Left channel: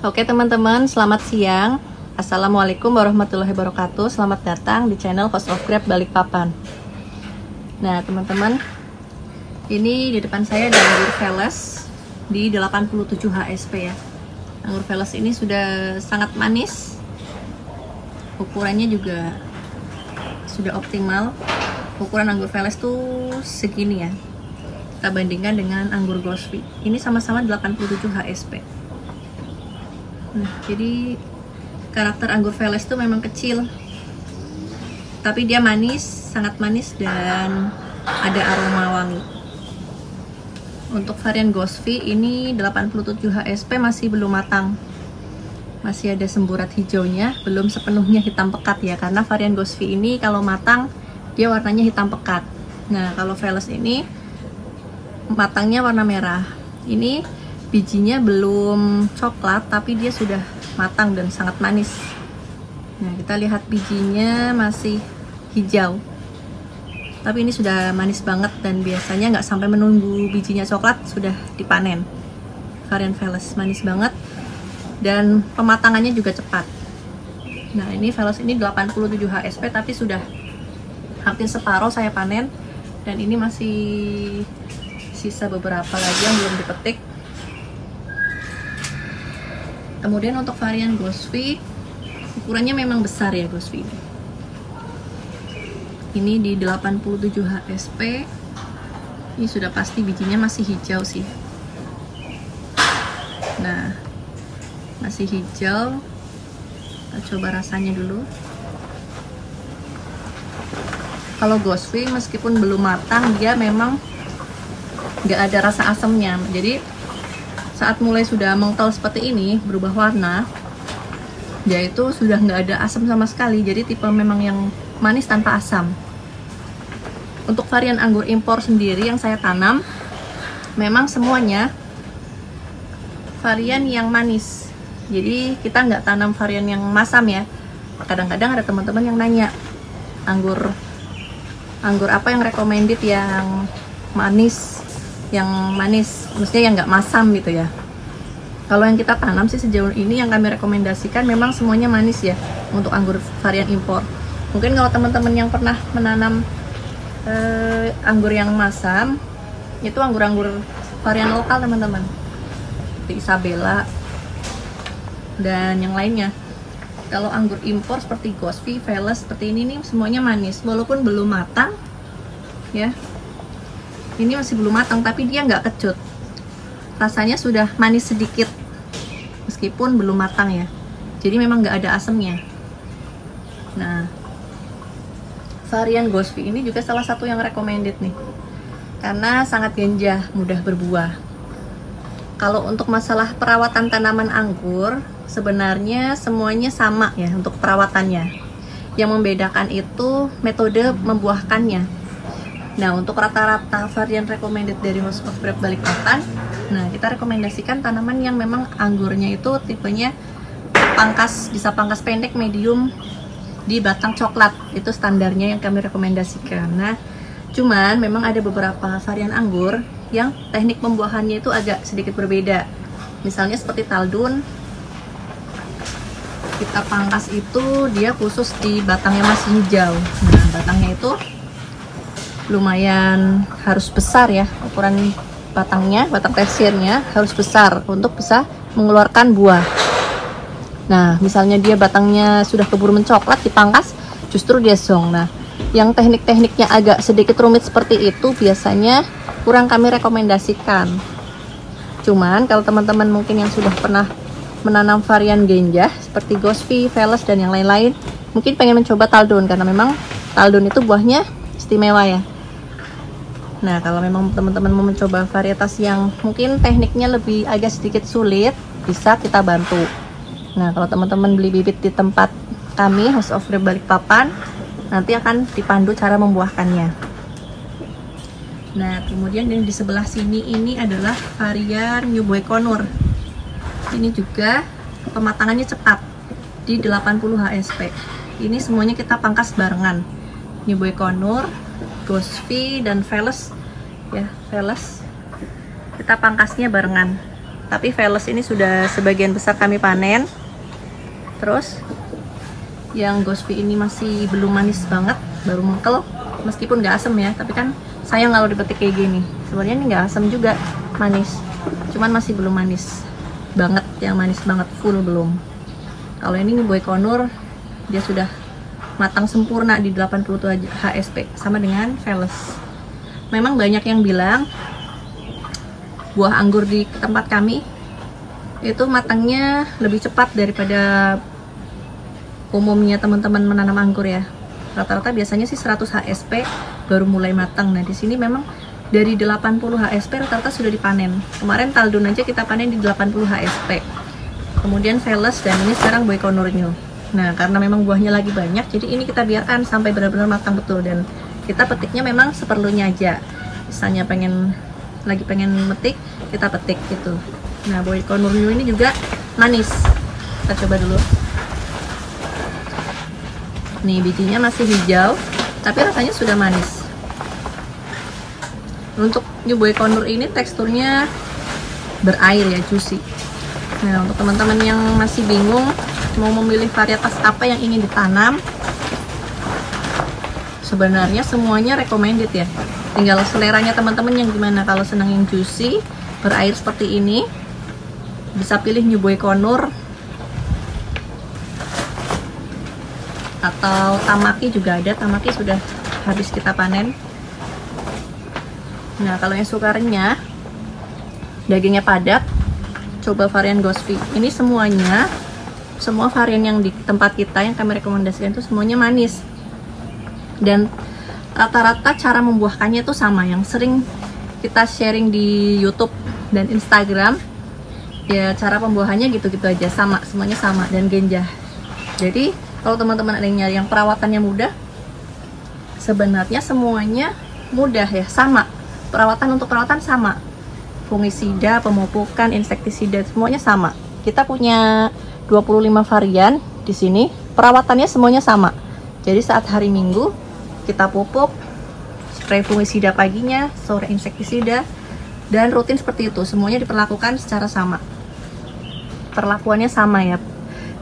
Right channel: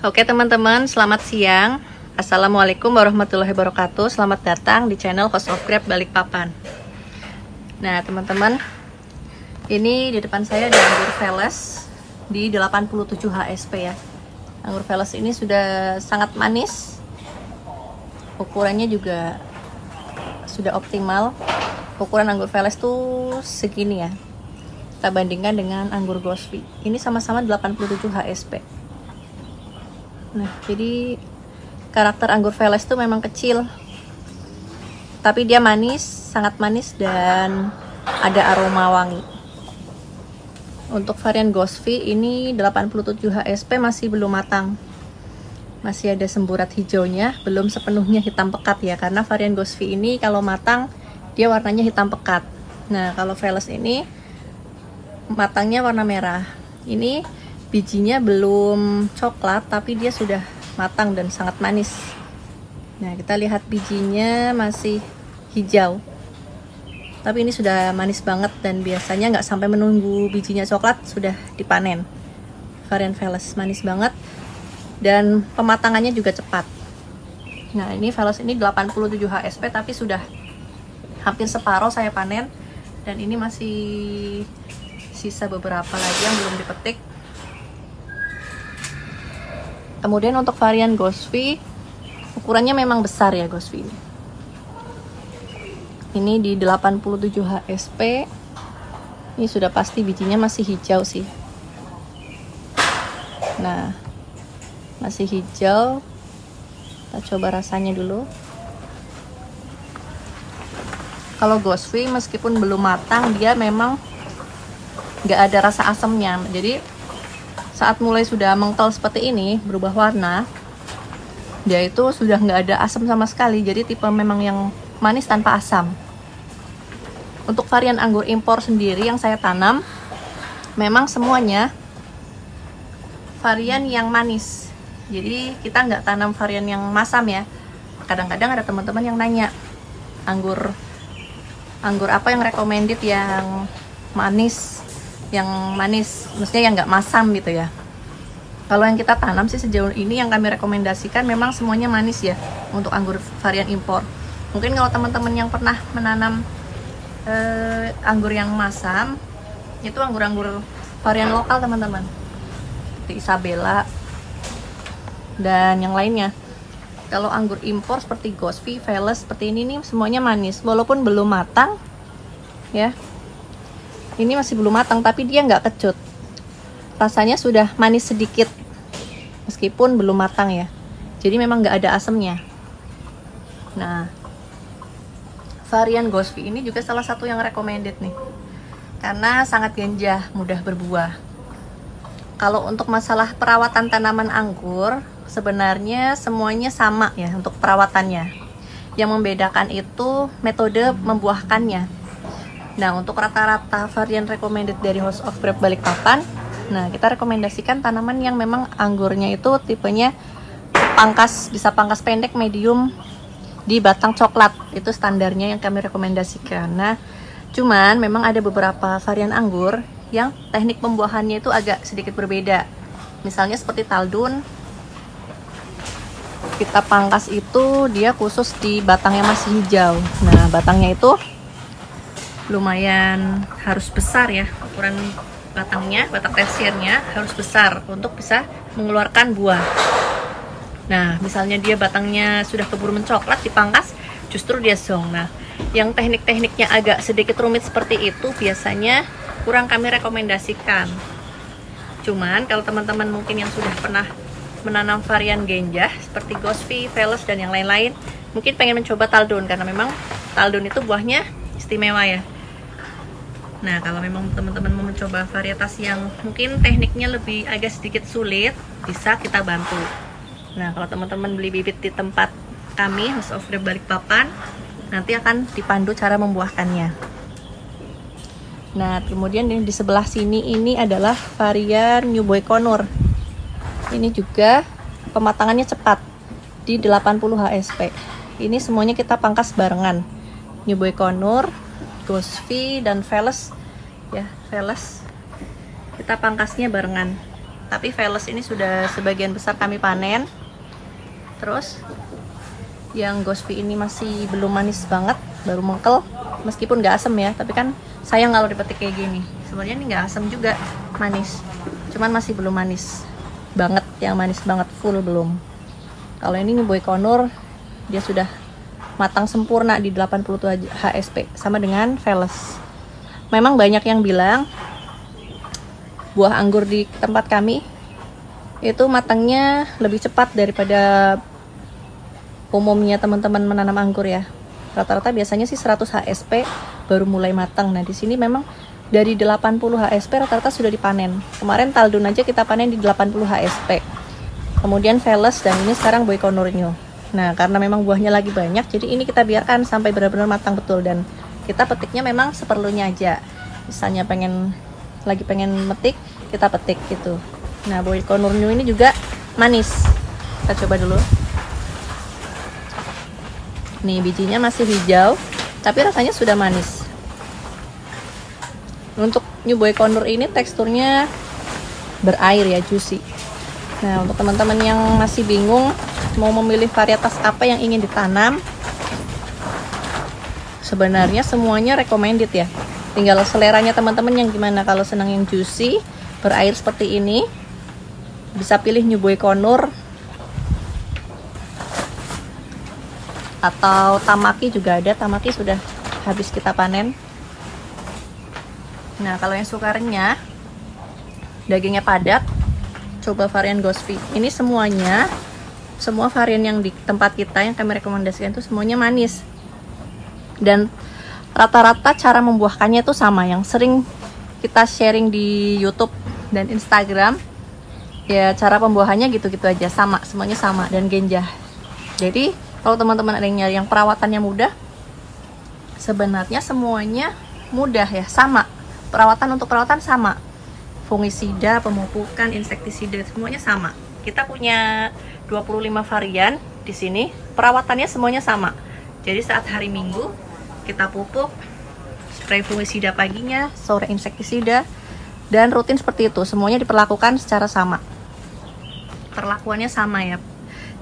Oke teman-teman, selamat siang. Assalamualaikum warahmatullahi wabarakatuh. Selamat datang di channel House of Grape Balikpapan. Nah teman-teman, ini di depan saya ada anggur Veles di 87 HSP ya. Anggur Veles ini sudah sangat manis. Ukurannya juga sudah optimal. Ukuran anggur Veles tuh segini ya. Kita bandingkan dengan anggur Gosvi. Ini sama-sama 87 HSP. Nah, jadi karakter anggur Veles itu memang kecil, tapi dia manis, sangat manis dan ada aroma wangi. Untuk varian Gosvi ini 87 HSP masih belum matang, masih ada semburat hijaunya, belum sepenuhnya hitam pekat ya, karena varian Gosvi ini kalau matang dia warnanya hitam pekat. Nah, kalau Veles ini matangnya warna merah. Ini bijinya belum coklat, tapi dia sudah matang dan sangat manis. Nah, kita lihat bijinya masih hijau, tapi ini sudah manis banget dan biasanya nggak sampai menunggu bijinya coklat sudah dipanen. Varian Veles manis banget dan pematangannya juga cepat. Nah, ini Veles ini 87 HSP tapi sudah hampir separuh saya panen, dan ini masih sisa beberapa lagi yang belum dipetik. Kemudian untuk varian Gosvi, ukurannya memang besar ya Gosvi ini. Ini di 87 HSP. Ini sudah pasti bijinya masih hijau sih. Nah, masih hijau. Kita coba rasanya dulu. Kalau Gosvi meskipun belum matang, dia memang nggak ada rasa asamnya. Jadi saat mulai sudah mengkel seperti ini, berubah warna, dia itu sudah nggak ada asam sama sekali. Jadi tipe memang yang manis tanpa asam. Untuk varian anggur impor sendiri yang saya tanam, memang semuanya varian yang manis. Jadi kita nggak tanam varian yang masam ya. Kadang-kadang ada teman-teman yang nanya, anggur apa yang recommended yang manis, maksudnya yang nggak masam gitu ya. Kalau yang kita tanam sih sejauh ini yang kami rekomendasikan memang semuanya manis ya untuk anggur varian impor. Mungkin kalau teman-teman yang pernah menanam anggur yang masam, itu anggur-anggur varian lokal teman-teman, seperti Isabella dan yang lainnya. Kalau anggur impor seperti Gosvi, Veles seperti ini nih semuanya manis, walaupun belum matang ya. Ini masih belum matang tapi dia nggak kecut, rasanya sudah manis sedikit meskipun belum matang ya. Jadi memang nggak ada asamnya. Nah, varian Gosvi ini juga salah satu yang recommended nih, karena sangat ganja, mudah berbuah. Kalau untuk masalah perawatan tanaman anggur, sebenarnya semuanya sama ya untuk perawatannya. Yang membedakan itu metode membuahkannya. Nah, untuk rata-rata varian recommended dari House of Grape Balikpapan, nah kita rekomendasikan tanaman yang memang anggurnya itu tipenya pangkas, bisa pangkas pendek, medium, di batang coklat. Itu standarnya yang kami rekomendasikan. Nah, cuman memang ada beberapa varian anggur yang teknik pembuahannya itu agak sedikit berbeda. Misalnya seperti Taldun, kita pangkas itu dia khusus di batangnya masih hijau. Nah, batangnya itu lumayan harus besar ya, ukuran batangnya, batang tesirnya harus besar untuk bisa mengeluarkan buah. Nah, misalnya dia batangnya sudah keburu mencoklat, dipangkas, justru dia zong. Nah, yang teknik-tekniknya agak sedikit rumit seperti itu biasanya kurang kami rekomendasikan. Cuman kalau teman-teman mungkin yang sudah pernah menanam varian ganja seperti Gosvi, Veles dan yang lain-lain, mungkin pengen mencoba Taldun, karena memang Taldun itu buahnya istimewa ya. Nah, kalau memang teman-teman mau mencoba varietas yang mungkin tekniknya lebih agak sedikit sulit, bisa kita bantu. Nah, kalau teman-teman beli bibit di tempat kami, House of Grape Balikpapan, nanti akan dipandu cara membuahkannya. Nah, kemudian di sebelah sini ini adalah varian New Boy Conur. Ini juga pematangannya cepat di 80 HSP. Ini semuanya kita pangkas barengan. New Boy Conur, Gosvi dan Veles ya, Veles kita pangkasnya barengan. tapi Veles ini sudah sebagian besar kami panen. Terus yang Ghostfi ini masih belum manis banget, baru mengkel, meskipun nggak asem ya, tapi kan sayang kalau dipetik kayak gini. Sebenarnya ini nggak asem juga, manis, cuman masih belum manis banget, yang manis banget full belum. Kalau ini New Boy Conur, dia sudah matang sempurna di 87 HSP, sama dengan Veles. Memang banyak yang bilang buah anggur di tempat kami itu matangnya lebih cepat daripada umumnya teman-teman menanam anggur ya. Rata-rata biasanya sih 100 HSP baru mulai matang. Nah, di sini memang dari 80 HSP rata-rata sudah dipanen. Kemarin Taldun aja kita panen di 80 HSP. Kemudian Veles, dan ini sekarang Boy Conur New. Nah, karena memang buahnya lagi banyak, jadi ini kita biarkan sampai benar-benar matang betul, dan kita petiknya memang seperlunya aja. Misalnya lagi pengen metik, kita petik gitu. Nah, Boy Conur New ini juga manis. Kita coba dulu. Nih, bijinya masih hijau, tapi rasanya sudah manis. Untuk New Boy Conur ini teksturnya berair ya, juicy. Nah, untuk teman-teman yang masih bingung mau memilih varietas apa yang ingin ditanam, sebenarnya semuanya recommended ya. Tinggal seleranya teman-teman yang gimana. Kalau senang yang juicy, berair seperti ini, bisa pilih New Boy Conur. Atau Tamaki juga ada, Tamaki sudah habis kita panen. Nah, kalau yang suka renyah, dagingnya padat, coba varian Ghostfi. Ini semua varian yang di tempat kita yang kami rekomendasikan itu semuanya manis. Dan rata-rata cara membuahkannya itu sama, yang sering kita sharing di YouTube dan Instagram. Ya, cara pembuahannya gitu-gitu aja, sama, semuanya sama, dan genjah. Jadi, kalau teman-teman ada yang nyari yang perawatannya mudah, sebenarnya semuanya mudah ya, sama. Untuk perawatan sama. Fungisida, pemupukan, insektisida, semuanya sama. Kita punya 25 varian di sini. Perawatannya semuanya sama. Jadi saat hari Minggu kita pupuk, spray fungisida paginya, sore insektisida, dan rutin seperti itu. Semuanya diperlakukan secara sama. Perlakuannya sama ya.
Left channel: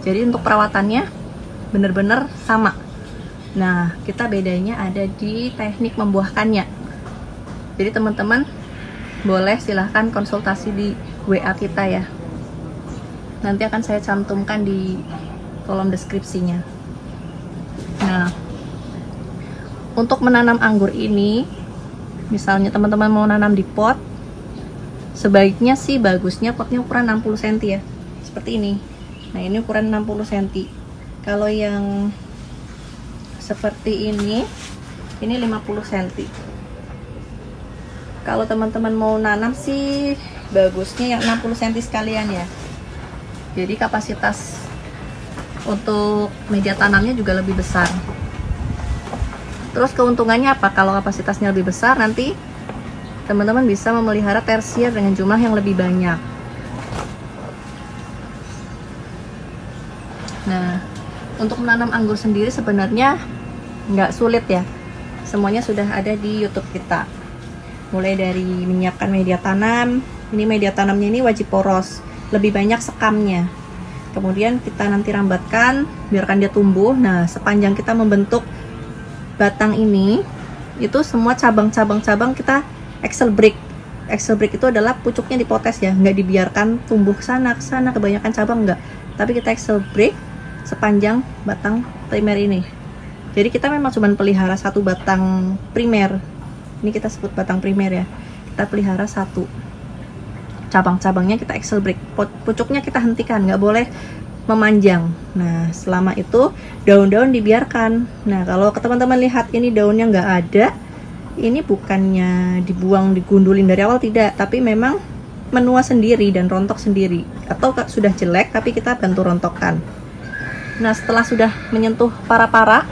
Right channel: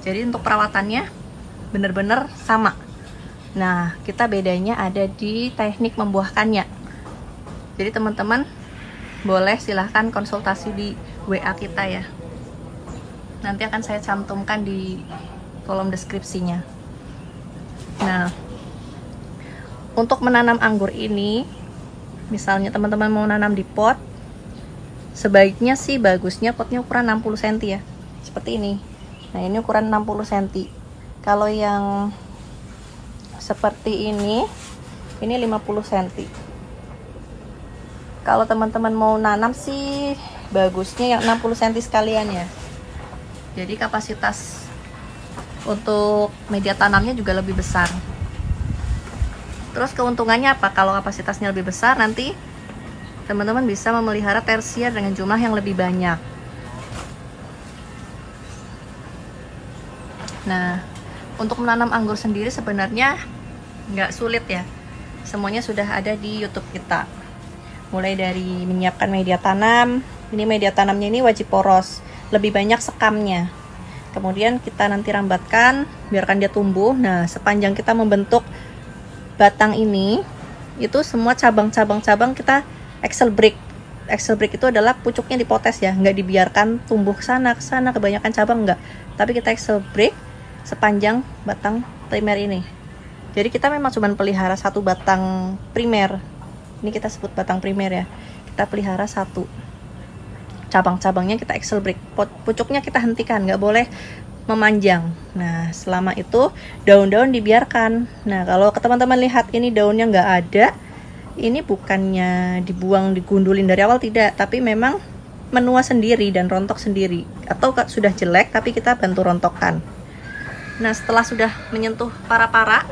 Jadi untuk perawatannya bener-bener sama. Nah, kita bedanya ada di teknik membuahkannya. Jadi teman-teman boleh silahkan konsultasi di WA kita ya. Nanti akan saya cantumkan di kolom deskripsinya. Nah, untuk menanam anggur ini, misalnya teman-teman mau nanam di pot, sebaiknya sih bagusnya potnya ukuran 60 cm ya, seperti ini. Nah, ini ukuran 60 cm. Kalau yang seperti ini 50 cm. Kalau teman-teman mau nanam sih bagusnya yang 60 cm sekalian ya. Jadi kapasitas untuk media tanamnya juga lebih besar. Terus keuntungannya apa? Kalau kapasitasnya lebih besar, nanti teman-teman bisa memelihara tersier dengan jumlah yang lebih banyak. Nah, untuk menanam anggur sendiri sebenarnya nggak sulit ya. Semuanya sudah ada di YouTube kita. Mulai dari menyiapkan media tanam. Ini media tanamnya ini wajib poros, lebih banyak sekamnya. Kemudian kita nanti rambatkan, biarkan dia tumbuh. Nah, sepanjang kita membentuk batang ini, itu semua cabang-cabang kita axle break. Axle break itu adalah pucuknya dipotes ya, nggak dibiarkan tumbuh ke sana kebanyakan cabang, nggak. Tapi kita axle break sepanjang batang primer ini. Jadi kita memang cuma pelihara satu batang primer. Ini kita sebut batang primer ya. Kita pelihara satu. Cabang-cabangnya kita axle break. Pucuknya kita hentikan, nggak boleh memanjang. Nah, selama itu daun-daun dibiarkan. Nah, kalau teman-teman lihat ini daunnya nggak ada, ini bukannya dibuang, digundulin dari awal, tidak. Tapi memang menua sendiri dan rontok sendiri. Atau sudah jelek tapi kita bantu rontokkan. Nah, setelah sudah menyentuh para-para,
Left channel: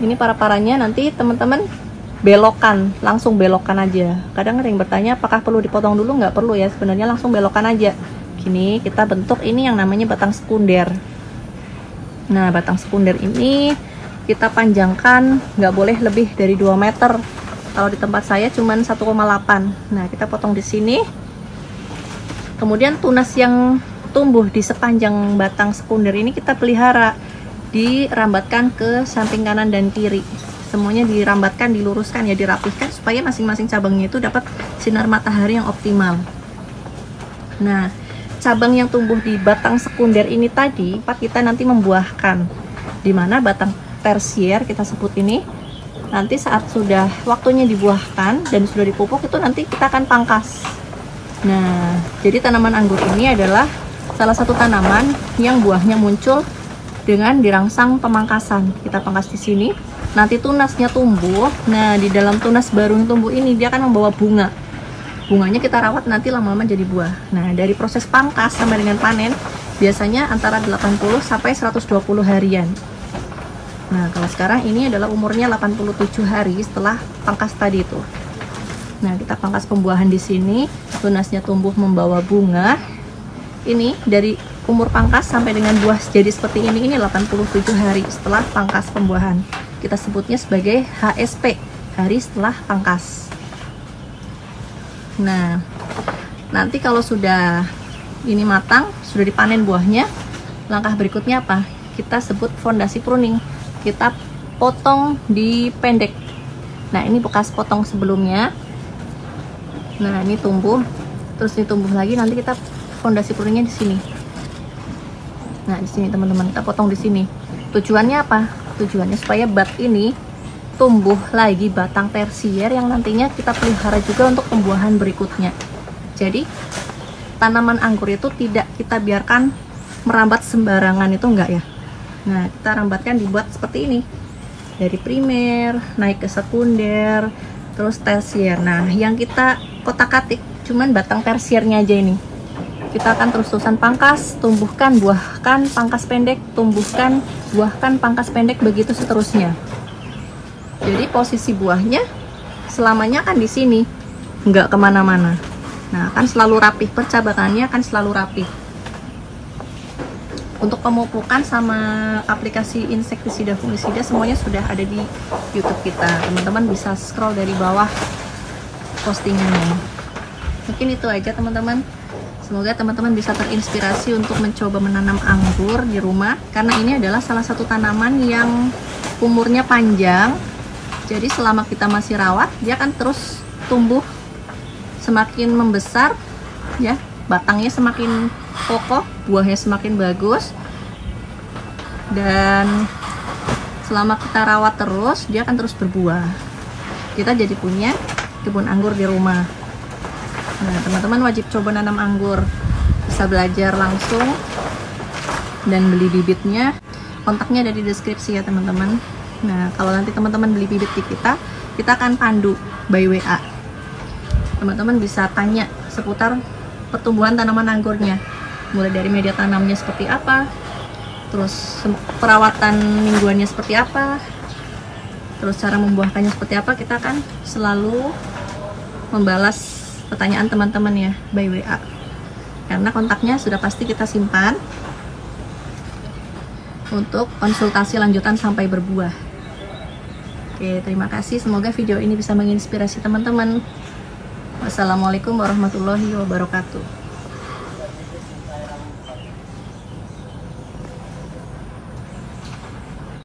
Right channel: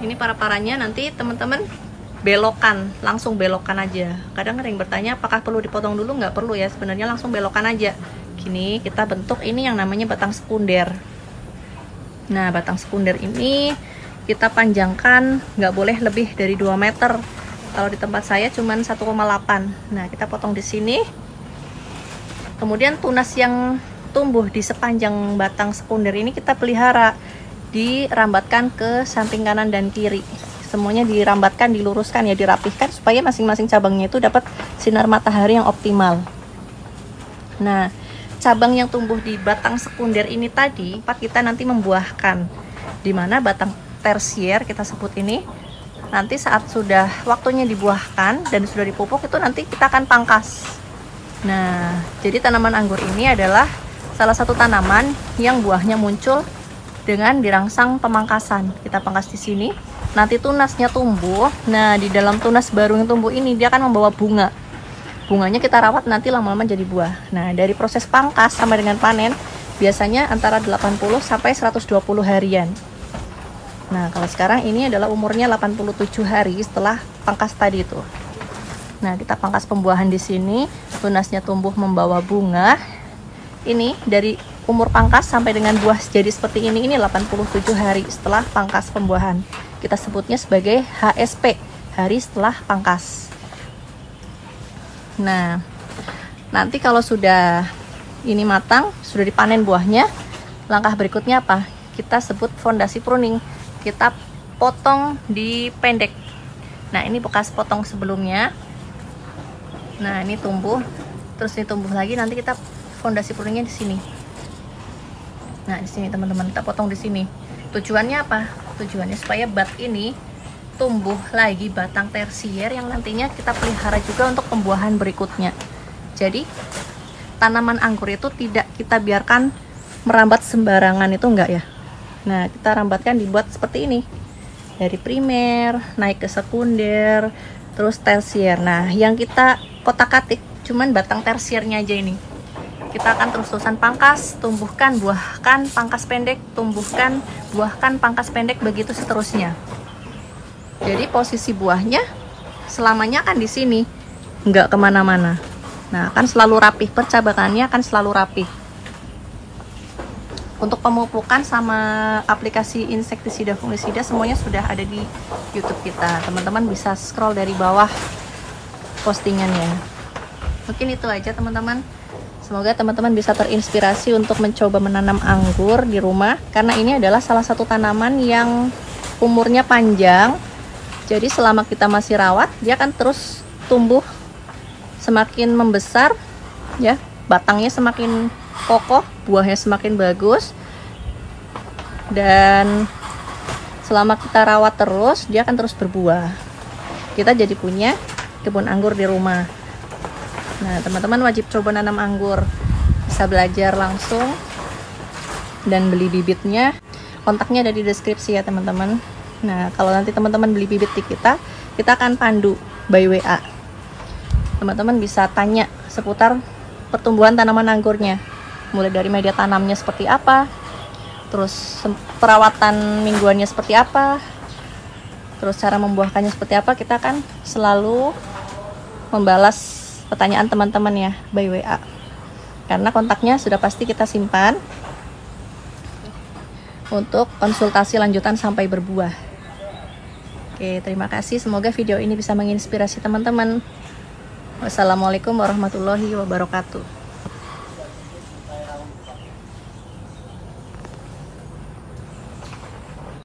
ini para-paranya nanti teman-teman belokan, langsung belokan aja. Kadang ada yang bertanya apakah perlu dipotong dulu, nggak perlu ya, sebenarnya langsung belokan aja. Gini kita bentuk ini yang namanya batang sekunder. Nah, batang sekunder ini kita panjangkan, nggak boleh lebih dari 2 meter. Kalau di tempat saya cuman 1,8. Nah, kita potong di sini. Kemudian tunas yang tumbuh di sepanjang batang sekunder ini kita pelihara, dirambatkan ke samping kanan dan kiri. Semuanya dirambatkan, diluruskan ya, dirapihkan supaya masing-masing cabangnya itu dapat sinar matahari yang optimal. Nah, cabang yang tumbuh di batang sekunder ini tadi kita nanti membuahkan, dimana batang tersier kita sebut ini nanti saat sudah waktunya dibuahkan dan sudah dipupuk itu nanti kita akan pangkas. Nah, jadi tanaman anggur ini adalah salah satu tanaman yang buahnya muncul dengan dirangsang pemangkasan. Kita pangkas di sini, nanti tunasnya tumbuh. Nah, di dalam tunas baru yang tumbuh ini dia akan membawa bunga. Bunganya kita rawat, nanti lama-lama jadi buah. Nah, dari proses pangkas sampai dengan panen biasanya antara 80 sampai 120 harian. Nah, kalau sekarang ini adalah umurnya 87 hari setelah pangkas tadi itu. Nah, kita pangkas pembuahan di sini, tunasnya tumbuh membawa bunga. Ini dari umur pangkas sampai dengan buah jadi seperti ini 87 hari setelah pangkas pembuahan. Kita sebutnya sebagai HSP, hari setelah pangkas. Nah, nanti kalau sudah ini matang, sudah dipanen buahnya, langkah berikutnya apa? Kita sebut fondasi pruning. Kita potong di pendek. Nah, ini bekas potong sebelumnya. Nah, ini tumbuh, terus ini tumbuh lagi, nanti kita fondasi pruningnya di sini. Nah, di sini teman-teman, kita potong di sini. Tujuannya apa? Tujuannya supaya bat ini tumbuh lagi batang tersier yang nantinya kita pelihara juga untuk pembuahan berikutnya. Jadi, tanaman anggur itu tidak kita biarkan merambat sembarangan, itu enggak ya. Nah, kita rambatkan, dibuat seperti ini. Dari primer, naik ke sekunder, terus tersier. Nah, yang kita kotak-katik cuman batang tersiernya aja ini. Kita akan terus-terusan pangkas, tumbuhkan, buahkan, pangkas pendek, tumbuhkan, buahkan, pangkas pendek, begitu seterusnya. Jadi posisi buahnya selamanya akan di sini, nggak kemana-mana. Nah, akan selalu rapih, percabangannya akan selalu rapih. Untuk pemupukan sama aplikasi insektisida fungisida semuanya sudah ada di YouTube kita. Teman-teman bisa scroll dari bawah postingannya. Mungkin itu aja teman-teman. Semoga teman-teman bisa terinspirasi untuk mencoba menanam anggur di rumah, karena ini adalah salah satu tanaman yang umurnya panjang. Jadi selama kita masih rawat, dia akan terus tumbuh, semakin membesar ya, batangnya semakin kokoh, buahnya semakin bagus. Dan selama kita rawat terus, dia akan terus berbuah. Kita jadi punya kebun anggur di rumah. Nah, teman-teman wajib coba nanam anggur. Bisa belajar langsung dan beli bibitnya. Kontaknya ada di deskripsi ya, teman-teman. Nah, kalau nanti teman-teman beli bibit di kita akan pandu by WA. Teman-teman bisa tanya seputar pertumbuhan tanaman anggurnya. Mulai dari media tanamnya seperti apa, terus perawatan mingguannya seperti apa, terus cara membuahkannya seperti apa. Kita akan selalu membalas pertanyaan teman-teman ya by WA, karena kontaknya sudah pasti kita simpan untuk konsultasi lanjutan sampai berbuah. Oke, terima kasih, semoga video ini bisa menginspirasi teman-teman. Wassalamualaikum warahmatullahi wabarakatuh.